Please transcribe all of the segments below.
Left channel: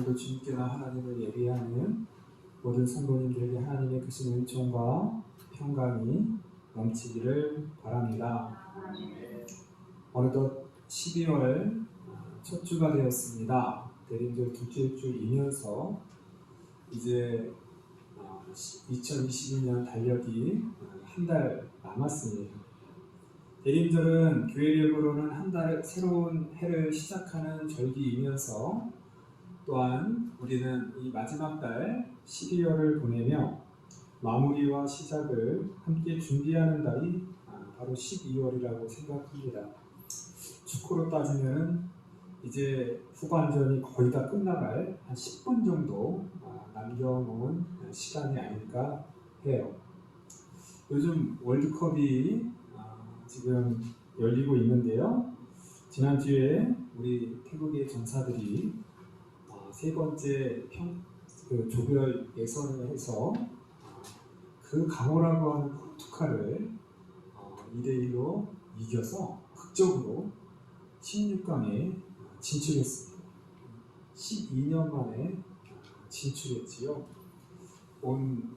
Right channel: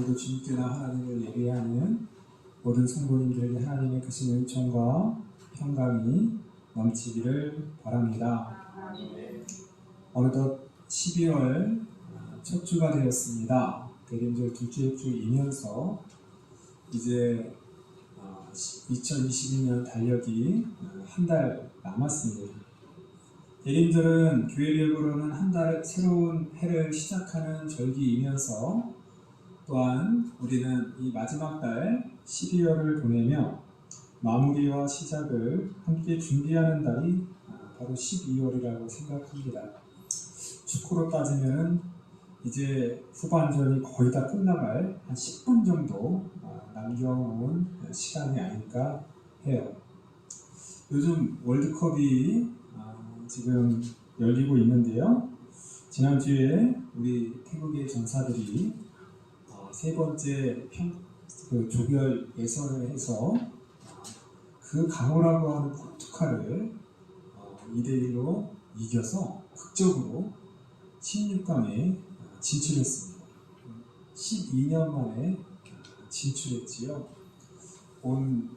오늘도 주님께나 하나님을 예배하는 모든 성도님들에게 하나님의 크신 은총과 평강이 넘치기를 바랍니다. 어느덧 12월 첫 주가 되었습니다. 대림절 둘째 주이면서 이제 2022년 달력이 한 달 남았습니다. 대림절은 교회력으로는 한 달 새로운 해를 시작하는 절기이면서 또한 우리는 이 마지막 달 12월을 보내며 마무리와 시작을 함께 준비하는 달이 바로 12월이라고 생각합니다. 축구로 따지면은 이제 후반전이 거의 다 끝나갈 한 10분 정도 남겨놓은 시간이 아닐까 해요. 요즘 월드컵이 지금 열리고 있는데요. 지난주에 우리 태국의 전사들이 세 번째 조별 예선을 해서 그 강호라고 하는 포르투갈을 2대1로 이겨서 극적으로 16강에 진출했습니다. 12년 만에 진출했지요. 온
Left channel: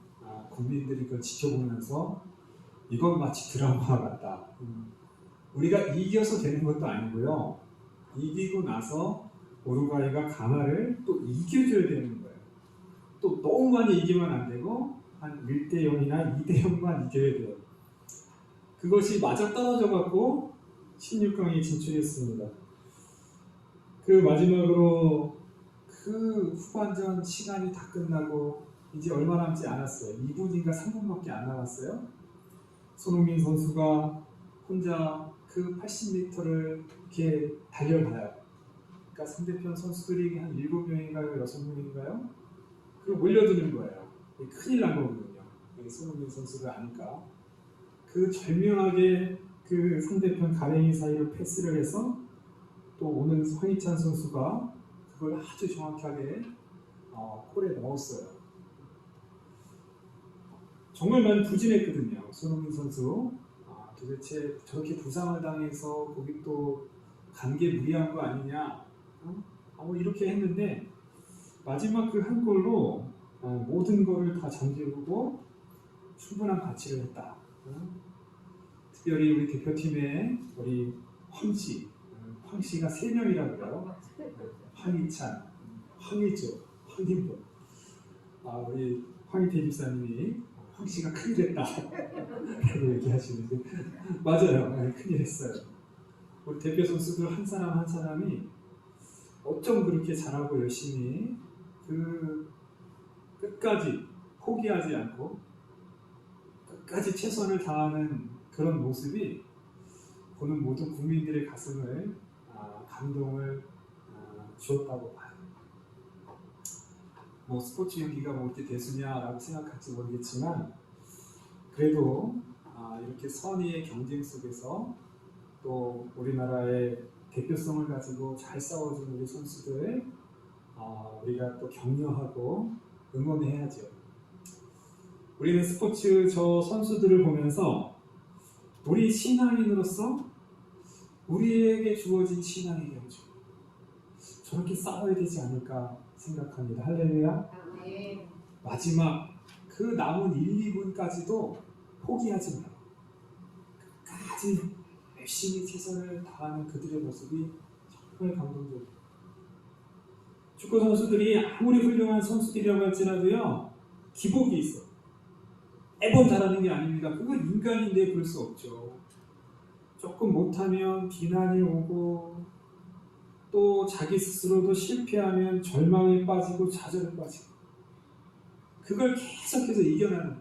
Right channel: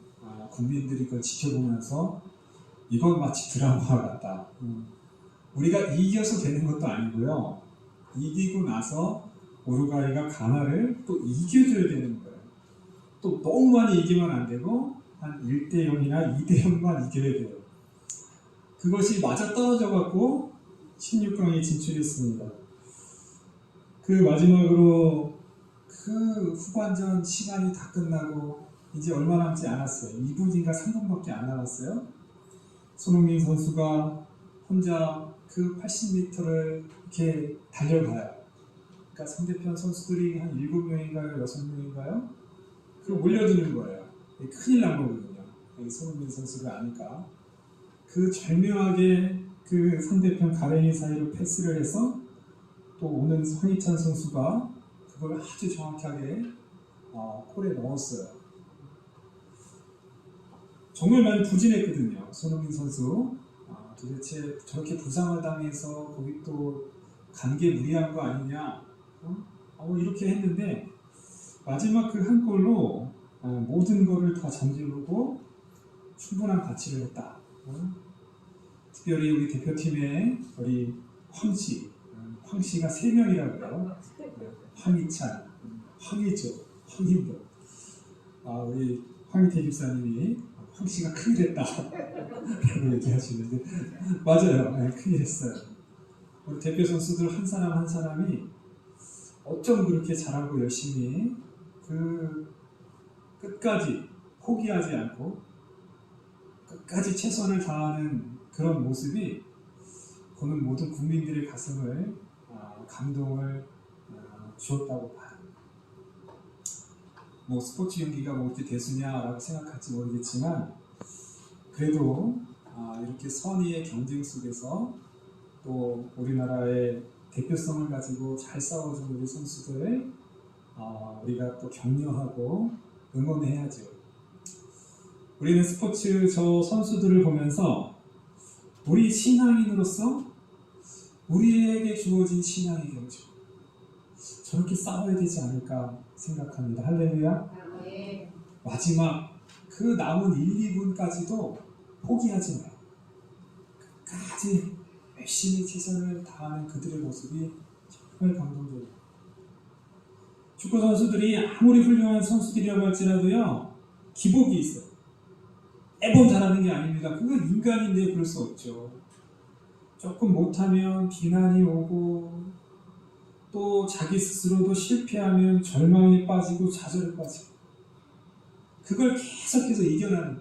국민들이 그걸 지켜보면서 이건 마치 드라마 같다. 우리가 이겨서 되는 것도 아니고요. 이기고 나서 우루과이가 가나를 또 이겨줘야 되는 거예요. 또 너무 많이 이기면 안 되고 한 1대0이나 2대0만 이겨야 돼요. 그것이 맞아떨어져 갖고 16강에 진출했습니다. 그 마지막으로 그 후반전 시간이 다 끝나고 이제 얼마 남지 않았어요. 2분인가 3분밖에 안 남았어요. 손흥민 선수가 혼자 그 80m를 이렇게 달려가요. 그러니까 상대편 선수들이 한 7명인가요? 6명인가요? 그걸 몰려드는 거예요. 큰일 난 거거든요. 손흥민 선수가 아니까. 그 절묘하게 그 상대편 가랭이 사이로 패스를 해서 또 오는 황희찬 선수가 그걸 아주 정확하게 골에 넣었어요. 정말 많이 부진했거든요. 손흥민 선수. 도대체 저렇게 부상을 당해서 거기 또 간 게 무리한 거 아니냐 이렇게 했는데 마지막 그 한 골로 모든 거를 다 잠재우고 충분한 가치를 했다. 특별히 우리 대표팀의 우리 황씨가 3명이라고요. 황희찬, 황희조, 황인보. 우리 황희태 집사님이 황씨가 큰일 했다 라고 얘기하시는데 맞아요. 큰일 했어요. 우리 대표 선수들 한 사람 한 사람이 어쩜 그렇게 잘하고 열심히 그 끝까지 포기하지 않고 끝까지 최선을 다하는 그런 모습이 보는 모든 국민들의 가슴을 감동을 주었다고 봐요. 뭐 스포츠 경기가 뭐 이렇게 대수냐라고 생각할지 모르겠지만 그래도 이렇게 선의의 경쟁 속에서 또 우리나라의 대표성을 가지고 잘 싸워준 우리 선수들 우리가 또 격려하고 응원해야죠. 우리는 스포츠 저 선수들을 보면서 우리 신앙인으로서 우리에게 주어진 신앙의 경주 저렇게 싸워야 되지 않을까 생각합니다. 할렐루야. 마지막 그 남은 1, 2분까지도 포기하지 마요. 끝까지 열심히 최선을 다하는 그들의 모습이 정말 감동적이에요. 축구 선수들이 아무리 훌륭한 선수들이라고 할지라도요 기복이 있어요. 매번 잘하는 게 아닙니다. 그건 인간인데 그럴 수 없죠. 조금 못하면 비난이 오고 또 자기 스스로도 실패하면 절망에 빠지고 좌절에 빠지고 그걸 계속해서 이겨가는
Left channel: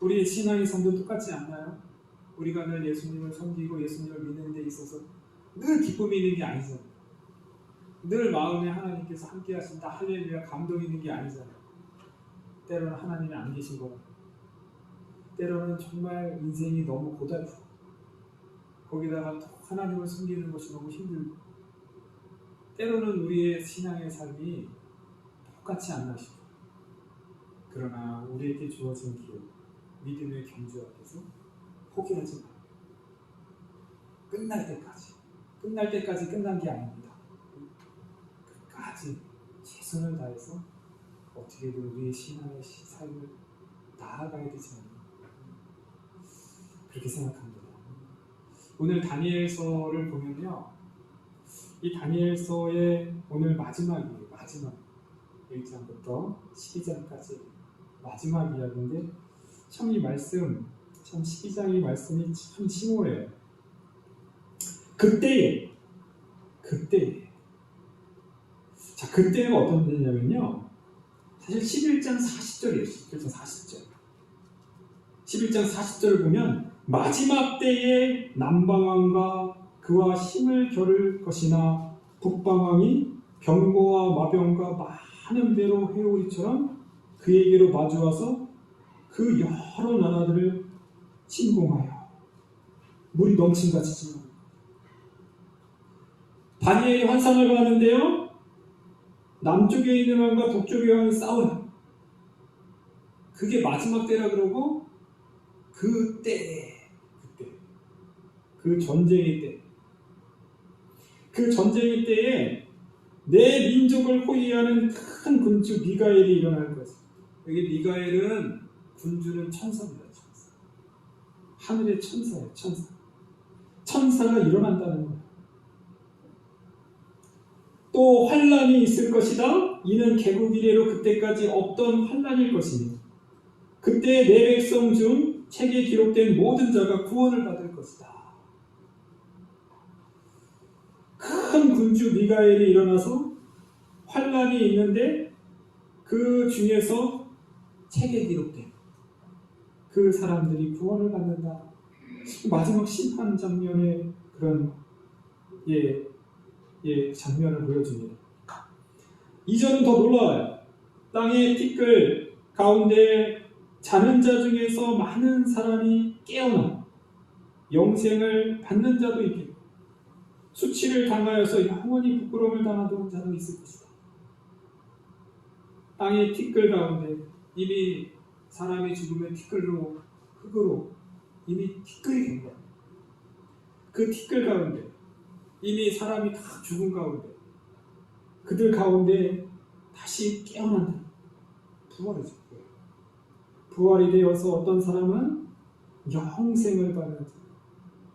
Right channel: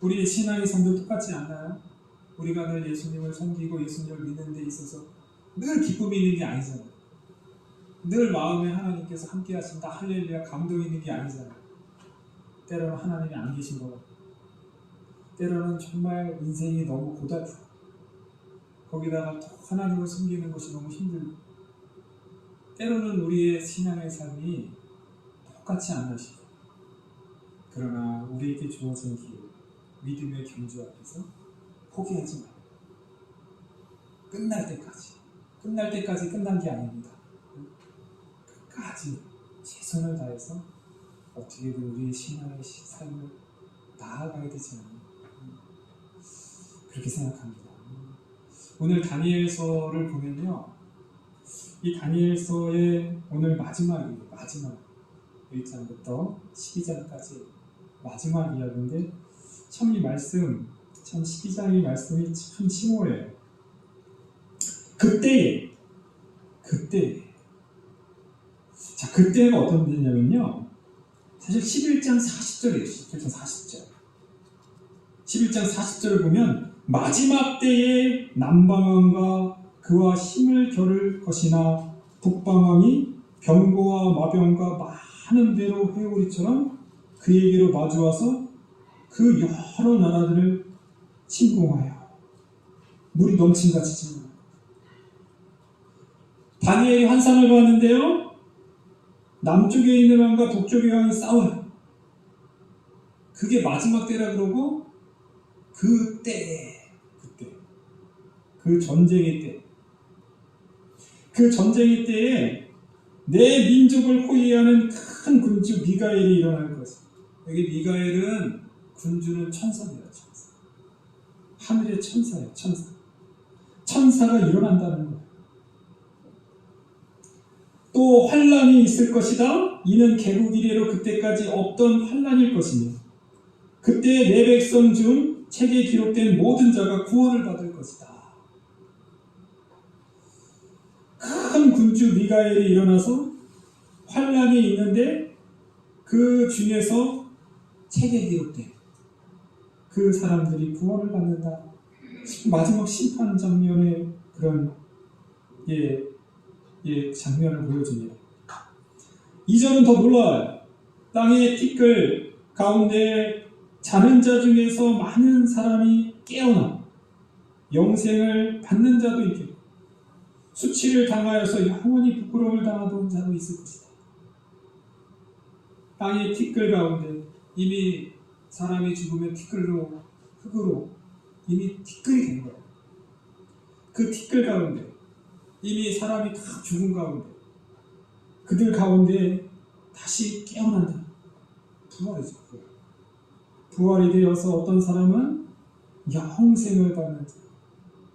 우리의 신앙의 삶도 똑같지 않나요? 우리가 늘 예수님을 섬기고 예수님을 믿는 데 있어서 늘 기쁨이 있는 게 아니잖아요. 늘 마음에 하나님께서 함께 하신다 할렐루야 감동이 있는 게 아니잖아요. 때로는 하나님이 안 계신 거고 때로는 정말 인생이 너무 고달프고 거기다가 또 하나님을 섬기는 것이 너무 힘들고 때로는 우리의 신앙의 삶이 똑같이 않나 싶어요. 그러나 우리에게 주어진 길 믿음의 경주 앞에서 포기하지 마요. 끝날 때까지 끝난 게 아닙니다. 끝까지 최선을 다해서 어떻게든 우리의 신앙의 삶을 나아가야 되지 않나 그렇게 생각합니다. 오늘 다니엘서를 보면요, 이 다니엘서의 오늘 마지막 1장부터 12장까지 마지막 이야기인데 참 이 말씀, 참 12장의 말씀이 참 심오해요. 그때가 어떤 때냐면요, 사실 11장 40절이에요. 11장 40절을 보면 마지막 때에 남방왕과 그와 힘을 겨룰 것이나 북방왕이 병거와 마병과 많은 배로 해오리처럼 그에게로 마주와서 그 여러 나라들을 침공하여 물이 넘친같이 침공하여 다니엘이 환상을 보았는데요, 남쪽에 있는 왕과 북쪽의 왕이 싸워요. 그게 마지막 때라 그러고 그때 그 전쟁의 때에 내 민족을 호위하는 큰 군주 미가엘이 일어날 것이다. 여기 미가엘은 군주는 천사입니다. 천사. 하늘의 천사예요. 천사가 일어난다는 거예요. 또 환란이 있을 것이다. 이는 개국 이래로 그때까지 없던 환란일 것이니 그때 내 백성 중 책에 기록된 모든 자가 구원을 받을 것이다. 큰 군주 미가엘이 일어나서 환란이 있는데 그 중에서 책에 기록된 그 사람들이 구원을 받는다. 마지막 심판 장면의 그런 장면을 보여줍니다. 2절은 더 놀라워요. 땅의 티끌 가운데 자는 자 중에서 많은 사람이 깨어나 영생을 받는 자도 있겠고 수치를 당하여서 영원히 부끄러움을 당하던 자도 있을 것이다. 땅의 티끌 가운데 이미 사람이 죽으면 흙으로 이미 티끌이 된 거예요. 그 티끌 가운데 이미 사람이 다 죽은 가운데 그들 가운데 다시 깨어난다. 부활이죠. 부활이 되어서 어떤 사람은 영생을 받는 자,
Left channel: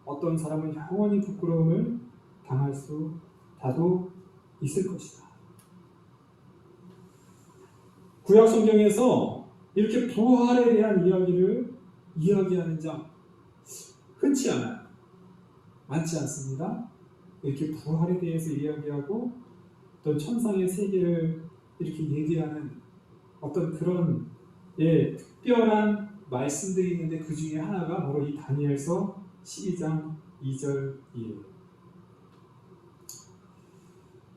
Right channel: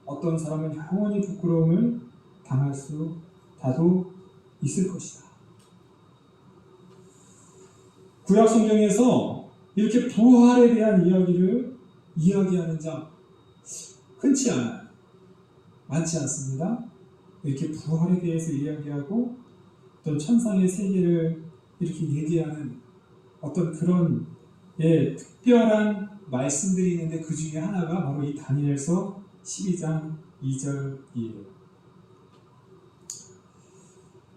어떤 사람은 영원히 부끄러움을 당할 수다도 있을 것이다. 구약 성경에서 이렇게 부활에 대한 이야기를 이야기하는 장 흔치 않아요. 많지 않습니다. 이렇게 부활에 대해서 이야기하고 어떤 천상의 세계를 이렇게 얘기하는 어떤 그런 특별한 말씀들이 있는데 그 중에 하나가 바로 이 다니엘서 12장 2절이에요.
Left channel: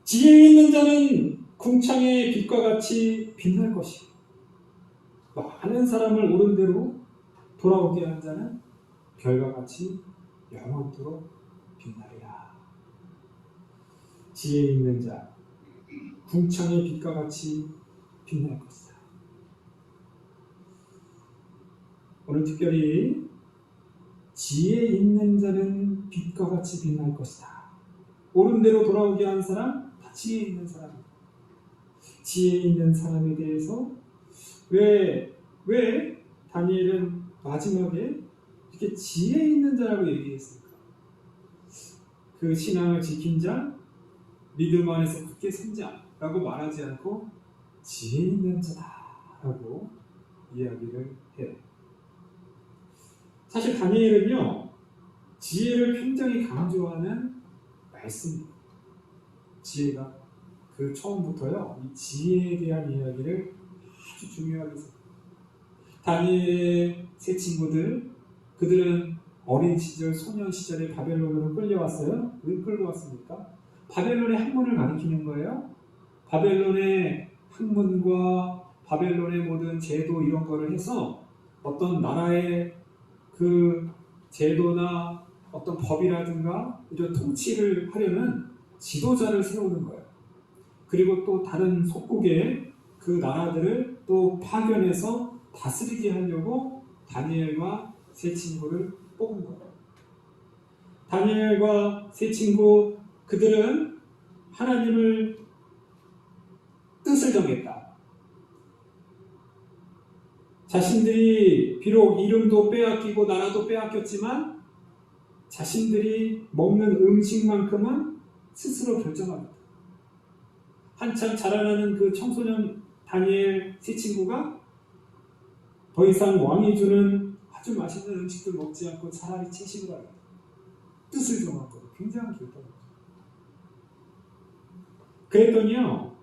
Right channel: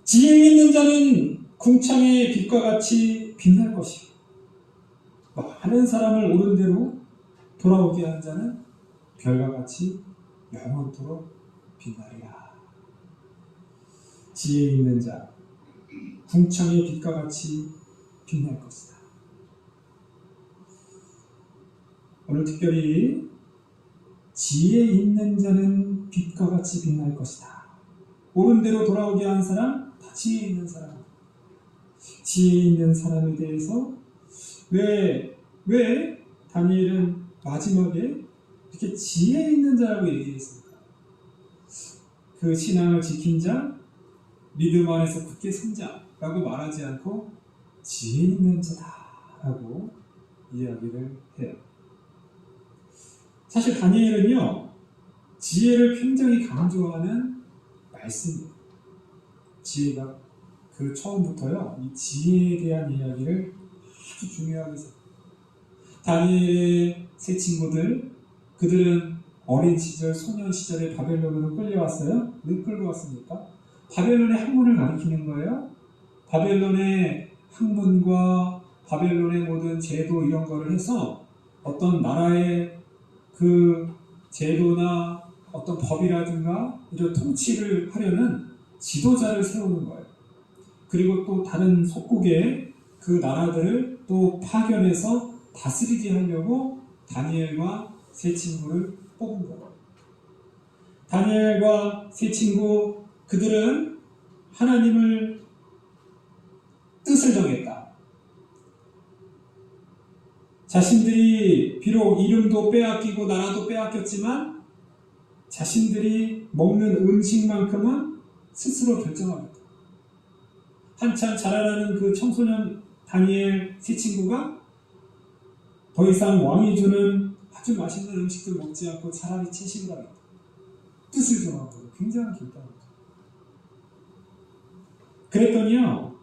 지혜 있는 자는 궁창의 빛과 같이 빛날 것이요 많은 사람을 옳은 대로 돌아오게 한 자는 별과 같이 영원토록 빛나리라. 지혜 있는 자 궁창의 빛과 같이 빛날 것이다. 오늘 특별히 지혜 있는 자는 빛과 같이 빛날 것이다. 옳은 대로 돌아오게 한 사람, 다 지혜 있는 사람. 지혜 있는 사람에 대해서 왜 다니엘은 마지막에 이렇게 지혜 있는 자라고 얘기했을까? 그 신앙을 지킨 자, 믿음 안에서 굳게 선 자라고 말하지 않고 지혜 있는 자라고 이야기를 해요. 사실 다니엘은요, 지혜를 굉장히 강조하는 말씀입니다. 지혜가 그 처음부터요, 이 지혜에 대한 이야기를 아주 중요하게 생각합니다. 다니엘의 세 친구들, 그들은 어린 시절, 소년 시절에 바벨론으로 끌려왔어요. 왜 끌고 왔습니까? 바벨론의 학문을 가르치는 거예요. 바벨론의 학문과 바벨론의 모든 제도 이런 거를 해서 어떤 나라의 그 제도나 어떤 법이라든가 이런 통치를 하려는 지도자를 세우는 거예요. 그리고 또 다른 속국의 그 나라들을 또 파견해서 다스리게 하려고 다니엘과 세 친구를 뽑은 거예요. 다니엘과 세 친구, 그들은 하나님을 뜻을 정했다. 자신들이 비록 이름도 빼앗기고 나라도 빼앗겼지만 자신들이 먹는 음식만큼은 스스로 결정하겠다. 한참 자라나는 그 청소년 다니엘 세 친구가 더 이상 왕이 주는 아주 맛있는 음식들 먹지 않고 차라리 채식을 하겠다. 뜻을 정했거든요. 굉장히 결단한 거죠. 그랬더니요,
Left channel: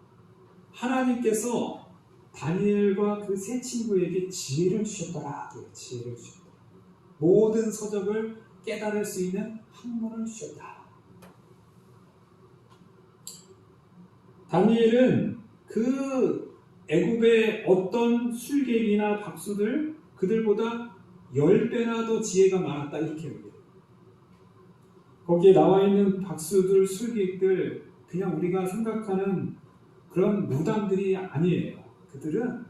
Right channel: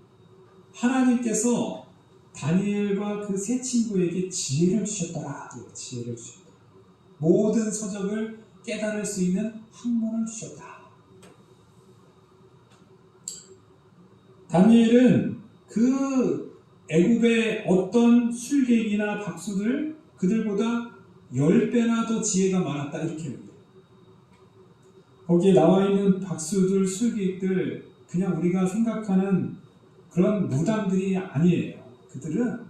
하나님께서 다니엘과 그 세 친구에게 지혜를 주셨더라. 지혜를 주셨다. 모든 서적을 깨달을 수 있는 학문을 주셨다. 다니엘은 그 애굽의 어떤 술객이나 박수들 그들보다 10배나 더 지혜가 많았다 이렇게 얘기해요. 거기에 나와 있는 박수들, 술객들 그냥 우리가 생각하는 그런 무당들이 아니에요. 그들은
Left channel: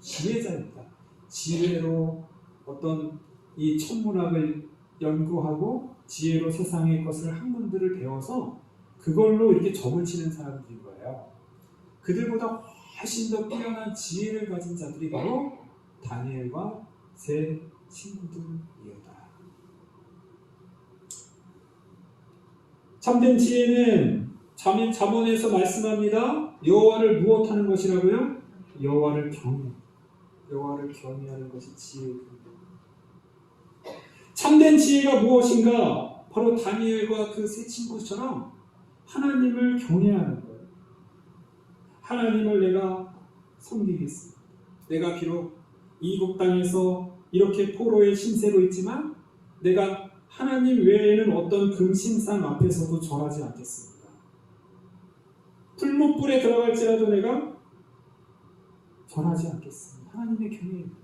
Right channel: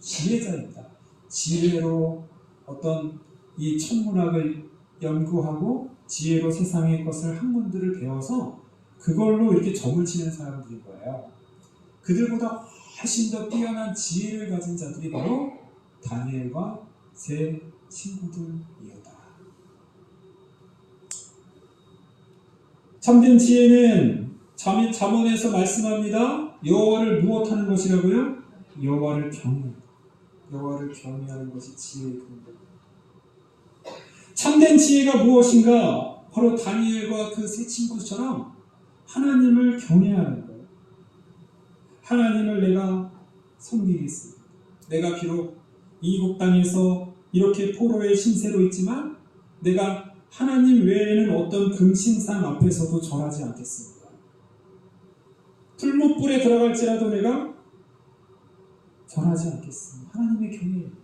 지혜자입니다. 지혜로 어떤 이 천문학을 연구하고 지혜로 세상의 것을 학문들을 배워서 그걸로 이렇게 점을 치는 사람들인 거예요. 그들보다 훨씬 더 뛰어난 지혜를 가진 자들이 바로 다니엘과 세 친구들이었다. 참된 지혜는 잠언에서 말씀합니다. 여호와를 무엇하는 것이라고요? 여호와를 경외하는 것이 지혜의 근본. 참된 지혜가 무엇인가? 바로 다니엘과 그 세 친구처럼 하나님을 경외하는 거예요. 하나님을 내가 섬기겠습니다. 내가 비록 이국 땅에서 이렇게 포로의 신세로 있지만 내가 하나님 외에는 어떤 금신상 앞에서도 절하지 않겠습니다. 풀무불에 들어갈지라도 내가 절하지 않겠습니다. 하나님의 경외입니다.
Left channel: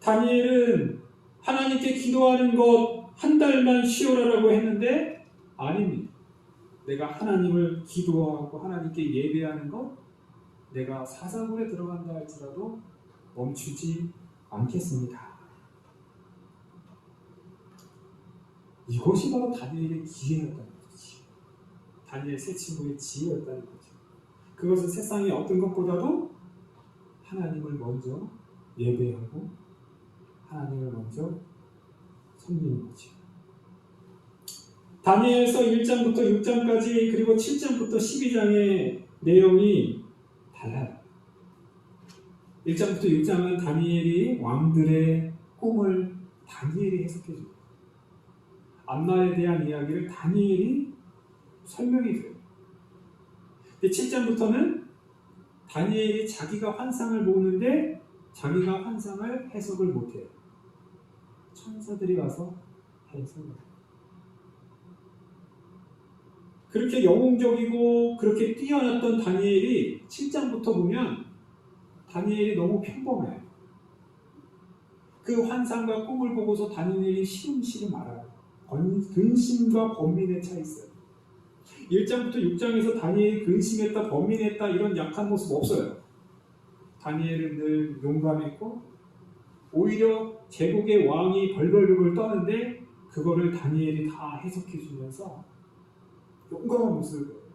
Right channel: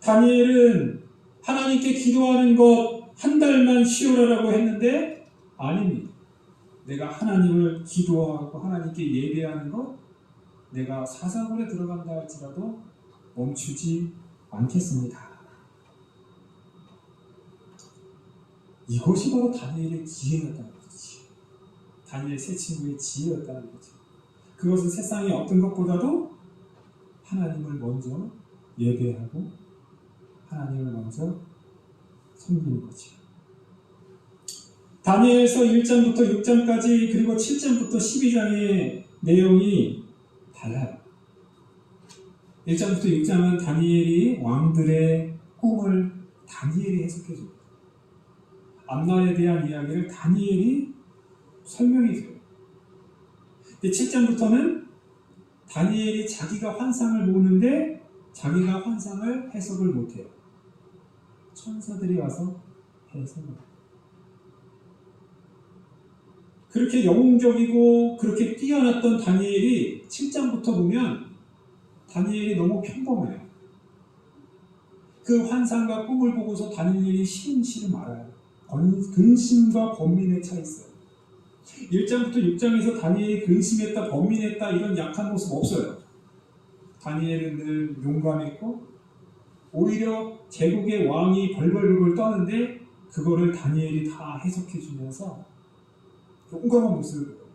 다니엘은 하나님께 기도하는 것 한 달만 쉬어라라고 했는데 아닙니다. 내가 하나님을 기도하고 하나님께 예배하는 것 내가 사자굴에 들어간다 할지라도 멈추지 않겠습니다. 이것이 바로 다니엘의 지혜였다는 거지. 다니엘 세 친구의 지혜였다는 거죠. 그것은 세상의 어떤 것보다도 하나님을 먼저 예배하고 하나님을 먼저 섬기는 거죠. 다니엘서 1장부터 6장까지 그리고 7장부터 12장의 내용이 달라요. 1장부터 6장은 다니엘이 왕들의 꿈을 다니엘이 해석해 줍니다. 앞날에 대한 이야기를 다니엘이 설명해 줘요. 근데 7장부터는 다니엘이 자기가 환상을 보는데 자기가 환상을 해석을 못해요. 천사들이 와서 해석을 해요. 그렇게 영웅적이고 그렇게 뛰어났던 다니엘이 7장부터 보면 다니엘이 너무 평범해요. 그 환상과 꿈을 보고서 다니엘이 시름시름 알아요. 근심과 번민에 차 있어요. 1장부터 6장에서 다니엘이 근심했다, 번민했다 이런 약한 모습 없어요. 다니엘은 늘 용감했고 오히려 제국의 왕이 벌벌벌 떠는데 그거를 다니엘이 다 해석해 주면서 용감한 모습을 보여요.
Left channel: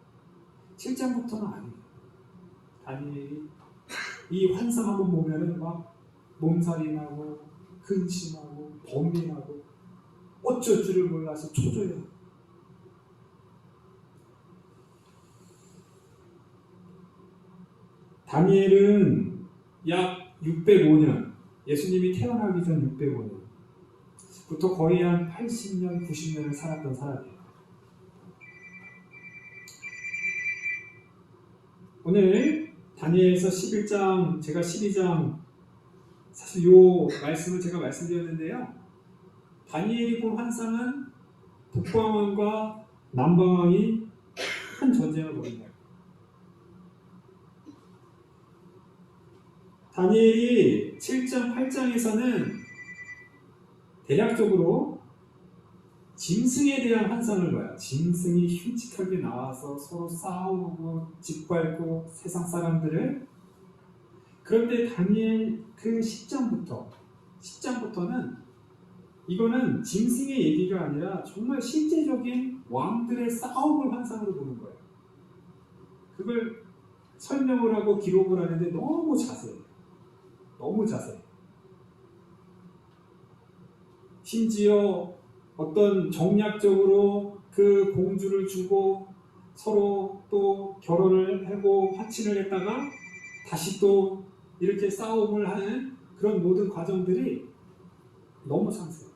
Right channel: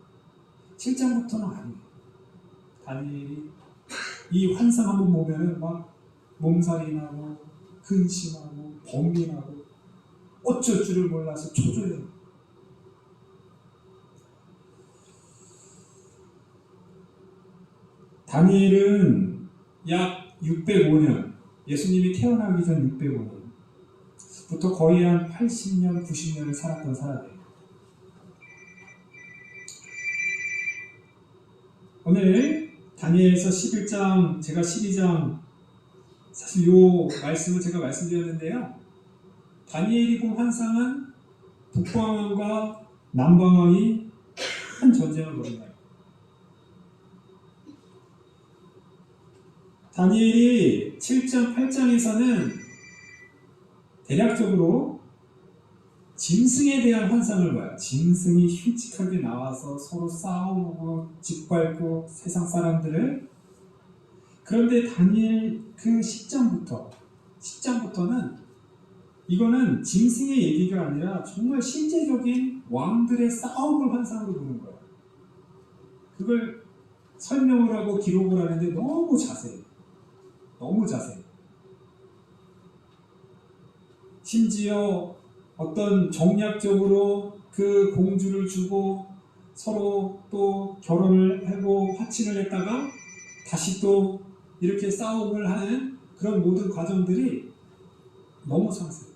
7장부터는 아니에요. 다니엘이 이 환상 한번 보면은 막 몸살이 나고 근심하고 번민하고 어쩔 줄을 몰라서 초조해요. 다니엘은 약 605년, 예수님이 태어나기 전 605년부터 거의 한 80년, 90년을 살았던 사람이에요. 오늘 다니엘서 11장, 제가 12장, 사실 이 말씀을 제가 말씀드렸는데요. 다니엘이 본 환상은 북방왕과 남방왕이 큰 전쟁을 벌인다. 다니엘이 7장, 8장에서는 대략적으로 짐승에 대한 환상을 봐요. 짐승이 흉측하게 나와서 서로 싸우고 짓밟고 세상 사람들을. 그런데 다니엘 그 10장부터는 이거는 짐승의 얘기가 아니라 정말 실제적인 왕들의 싸움을 환상으로 보는 거예요. 그걸 설명을 하고 기록을 하는데 너무 자세해요. 너무 자세해요. 심지어 어떤 정략적으로 그 공주를 주고 서로 또 결혼을 하고 화친을 했다가 다시 또 이렇게 싸움을 하는 그런 모든 과정들이 너무 상세해요.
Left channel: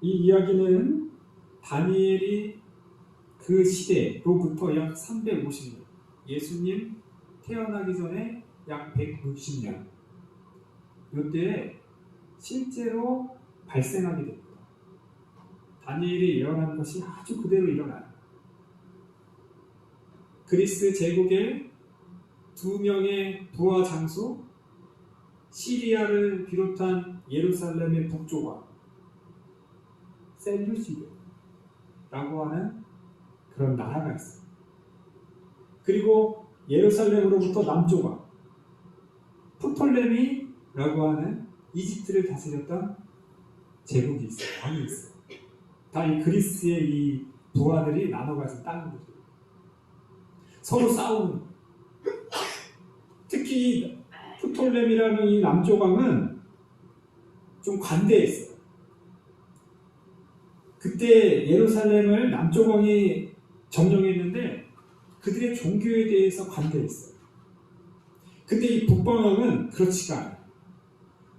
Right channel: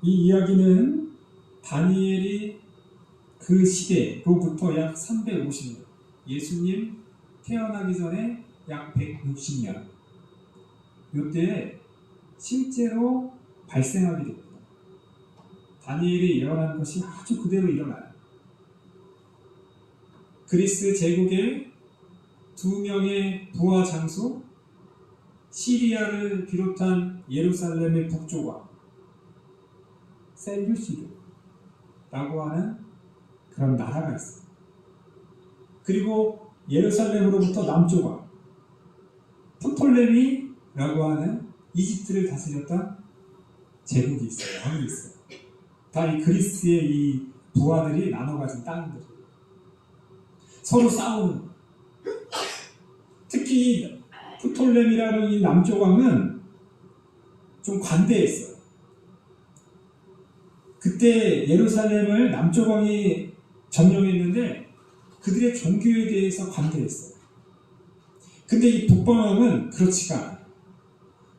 이 이야기는 다니엘이 그 시대로부터 약 350년, 예수님 태어나기 전에 약 160년, 이때에 실제로 발생하게 됩니다. 다니엘이 예언한 것이 아주 그대로 일어나요. 그리스 제국의 두 명의 부하 장수, 시리아를 비롯한 예루살렘의 북조각, 셀류시드라고 하는 그런 나라가 있어요. 그리고 예루살렘으로부터 남조각, 프톨레미라고 하는 이집트를 다스렸던 제국이 있어요. 왕이 있어요. 다 이 그리스의 이 부하들이 나눠 가진 땅들. 서로 싸우는. 특히 프톨레미라는 이 남조왕은 좀 관대했어요. 그때 예루살렘을 남조왕이 점령했는데 그들의 종교에 대해서 관대했어요. 근데 이 북방왕은 그렇지가 않아요.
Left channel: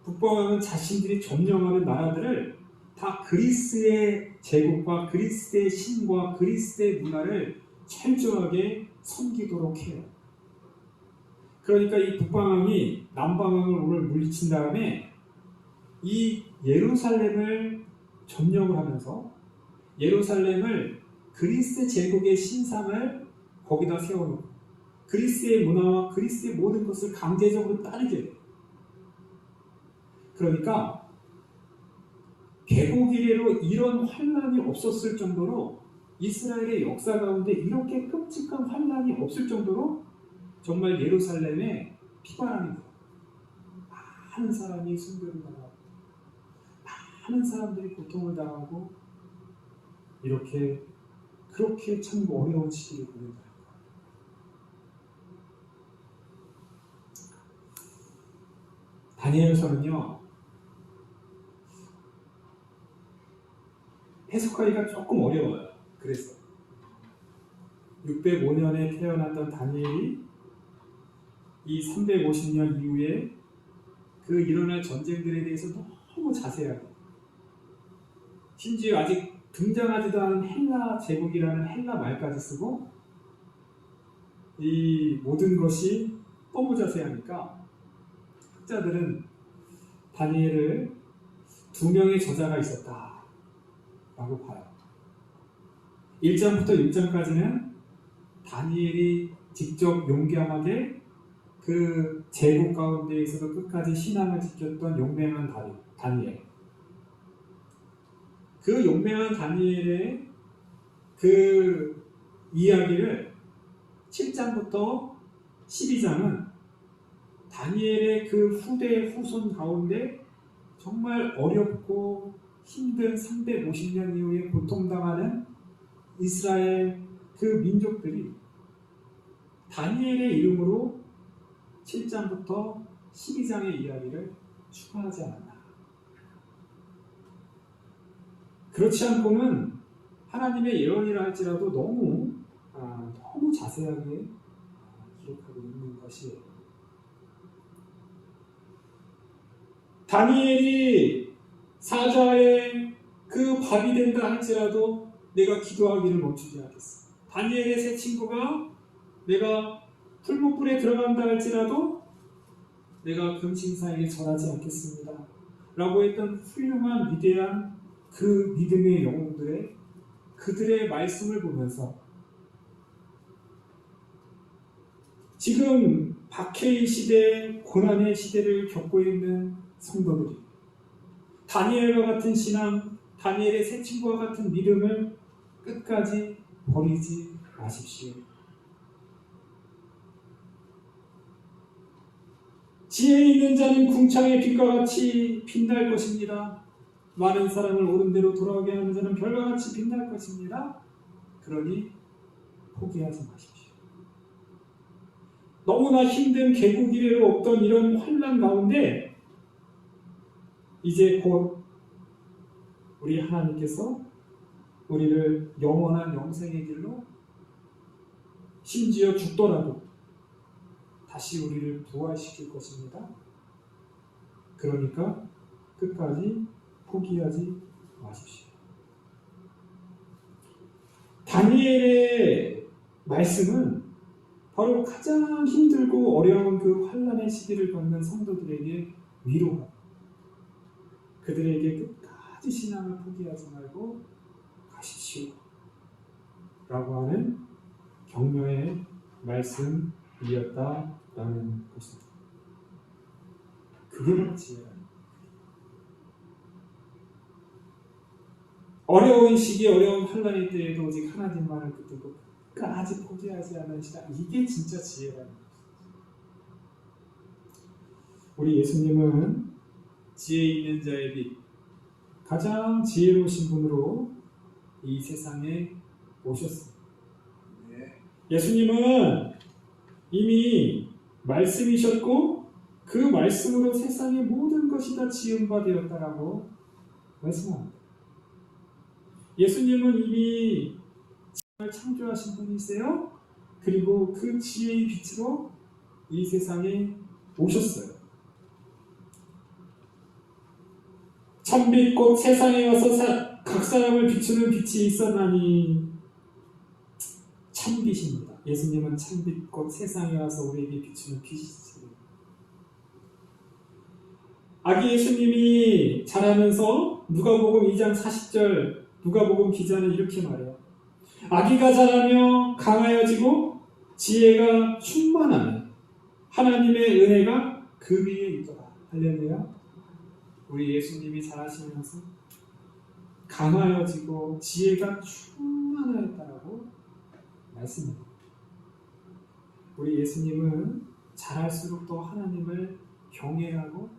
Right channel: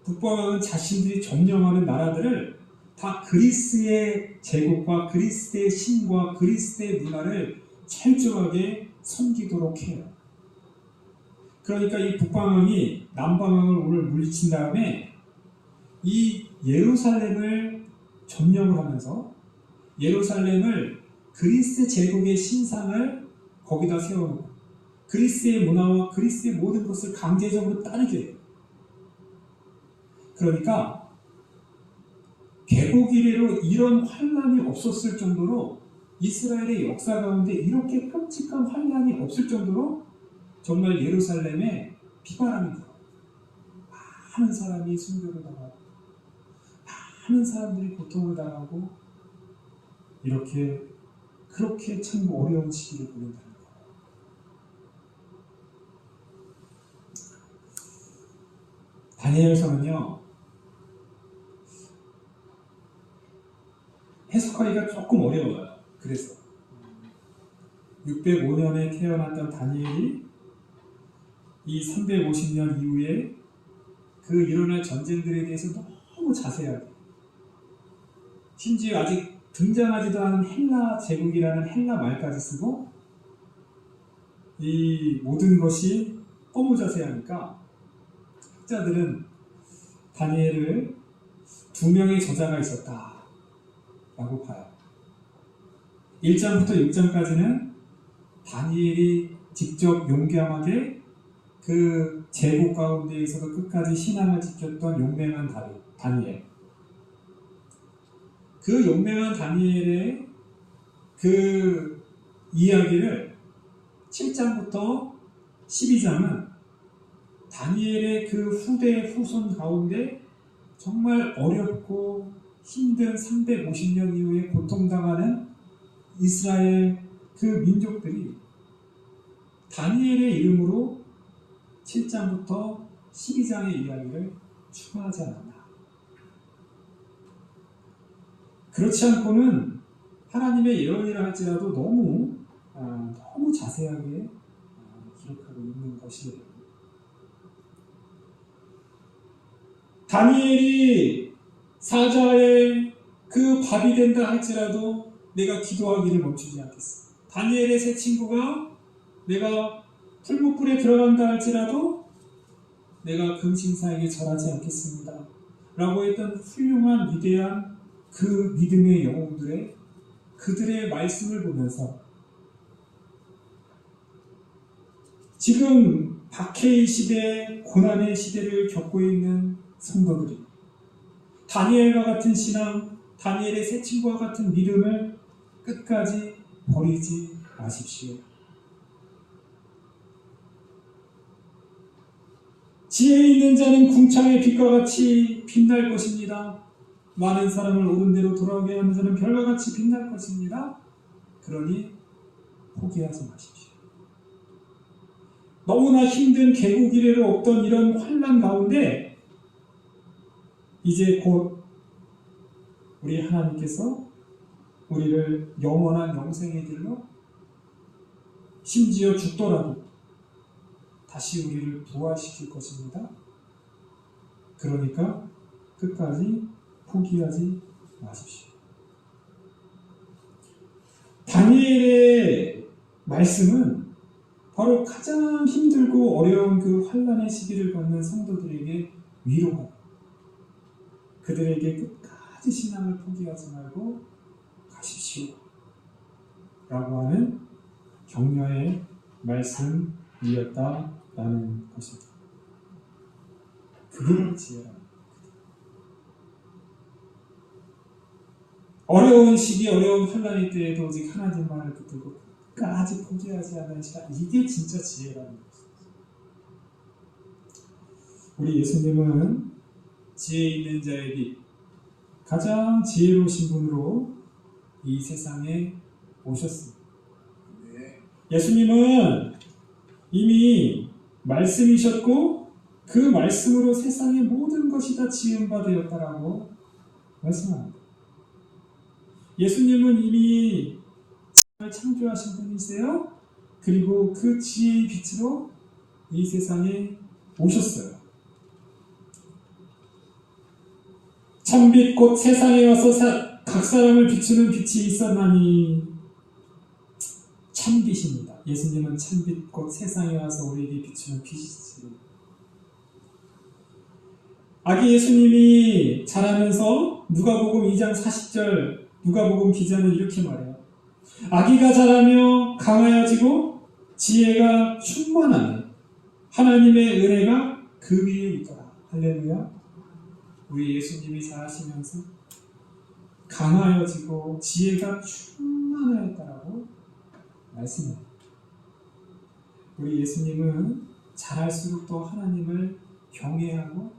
북방왕은 자신들이 점령하는 나라들을 다 그리스의 제국과 그리스의 신과 그리스의 문화를 철저하게 섬기도록 해요. 그러니까 이 북방왕이 남방왕을 오늘 물리친 다음에 이 예루살렘을 점령을 하면서 예루살렘을 그리스 제국의 신상을 거기다 세워놓고 그리스의 문화와 그리스의 모든 것을 강제적으로 따르게 해요. 그러니까 개국 이래로 이런 환란이 없었을 정도로 이스라엘의 역사 가운데 이렇게 끔찍한 환란이 없을 정도로 정말 예루살렘에 비바람이 불어요. 많은 사람이 순교를 당하고 많은 사람들이 고통을 당하고 이렇게 그렇게 참 어려운 시기를 보낸다는 거예요. 다니엘서는요 해석하기가 조금 어려워요. 그래서 605년에 태어났던 다니엘이 이 350년 이후에 그 일어날 전쟁들에 대해서 너무 자세하게 심지어 아직 등장하지도 않은 헬라 제국이라는 헬라 말까지 쓰고 이 모든 것이 너무 자세하니까 학자들은 다니엘을 두 명의 저자가 있었다 라고 봐요. 1장부터 6장까지는 다니엘이 직접 용감하게 그 제국 가운데에서도 끝까지 신앙을 지켰던 용맹한 다니엘. 그 용맹한 다니엘의 그 이야기를 7장부터 12장은 다니엘의 그 후대 후손 가운데 정말 어렵고 힘든 350년 이후에 고통당하는 이스라엘 그 민족들이 다니엘의 이름으로 7장부터 12장의 이야기를 추가하지 않았나. 그렇지 않고는 하나님의 예언이라 할지라도 너무 자세하게 기록하고 있는 것이에요. 다니엘이 사자의 그 밥이 된다 할지라도 내가 기도하기를 멈추지 않겠어. 다니엘의 세 친구가 내가 풀무불에 들어간다 할지라도 내가 금신사에게 절하지 않겠습니다. 라고 했던 훌륭한 위대한 그 믿음의 영웅들의 그들의 말씀을 보면서 지금 박해의 시대, 고난의 시대를 겪고 있는 성도들이 다니엘과 같은 신앙, 다니엘의 세 친구와 같은 믿음을 끝까지 버리지 마십시오. 지혜 있는 자는 궁창의 빛과 같이 빛날 것입니다. 많은 사람을 옳은 대로 돌아오게 하는 자는 별과 같이 빛날 것입니다. 그러니 포기하지 마십시오. 너무나 힘든 개국 이래로 없던 이런 환난 가운데 이제 곧 우리 하나님께서 우리를 영원한 영생의 길로 심지어 죽더라도 다시 우리를 부활시킬 것입니다. 그러니까 끝까지 포기하지 마십시오. 다니엘의 말씀은 바로 가장 힘들고 어려운 그 환난의 시기를 받는 성도들에게 위로가, 그들에게 끝까지 신앙을 포기하지 말고 가십시오 라고 하는 격려의 말씀이었다라는 것입니다. 그게 바로 지혜라는 거예요. 어려운 시기, 어려운 환난의 때에도 오직 하나님만을 붙들고 끝까지 포기하지 않는 신앙, 이게 진짜 지혜라는 것입니다. 우리 예수님은 지혜 있는 자의 빛, 가장 지혜로우신 분으로 이 세상에 오셨습니다. 예수님은 이미 말씀이셨고 그 말씀으로 세상의 모든 것이 다 지은 바 되었다라고 말씀합니다. 예수님은 이미 세상을 창조하신 분이세요. 그리고 그 지혜의 빛으로 이 세상에 오셨어요. 참빛 곧 세상에 와서 각 사람을 비추는 빛이 있었나니, 참빛입니다. 예수님은 참빛 곧 세상에 와서 우리에게 비추는 빛이지. 아기 예수님이 자라면서 누가복음 2장 40절 누가복음 기자는 이렇게 말해요. 아기가 자라며 강하여지고 지혜가 충만하며 하나님의 은혜가 그 위에 있더라. 할렐루야. 우리 예수님이 자라시면서 강하여지고 지혜가 충만하였다라고 말씀합니다. 우리 예수님은 자랄수록 더 하나님을 경외하고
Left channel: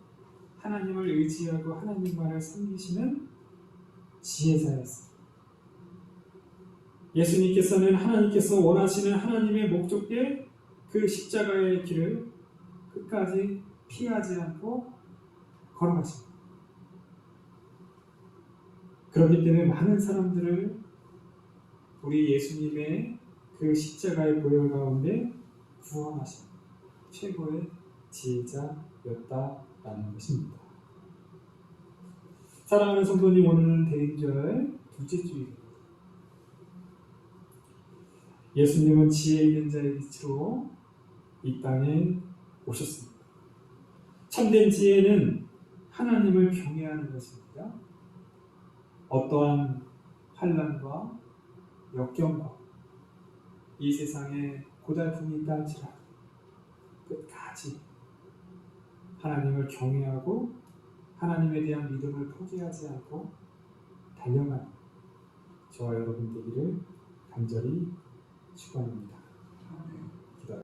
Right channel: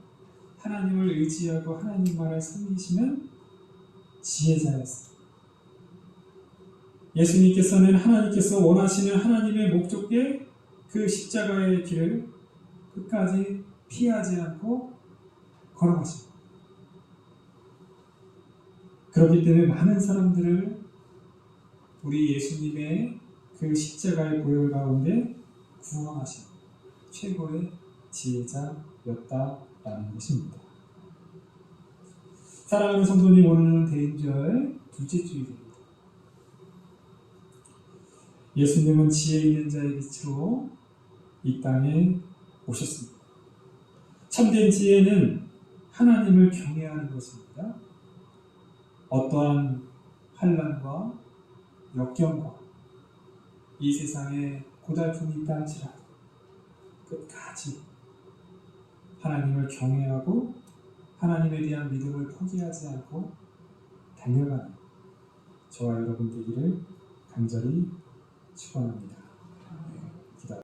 하나님을 의지하고 하나님만을 섬기시는 지혜자였습니다. 예수님께서는 하나님께서 원하시는 하나님의 목적에 그 십자가의 길을 끝까지 피하지 않고 걸어가십니다. 그렇기 때문에 많은 사람들을 우리 예수님의 그 십자가의 보혈 가운데 구원하신 최고의 지혜자였다라는 것입니다. 사랑하는 성도님, 오늘은 대인절 둘째 주일입니다. 예수님은 지혜 있는 자의 빛으로 이 땅에 오셨습니다. 참된 지혜는 하나님을 경외하는 것입니다. 어떠한 환난과 역경과 이 세상에 고달픔이 있다 할지라도 끝까지 하나님을 경외하고 하나님에 대한 믿음을 포기하지 않고 달려가는 저와 여러분 되기를 간절히 축원합니다.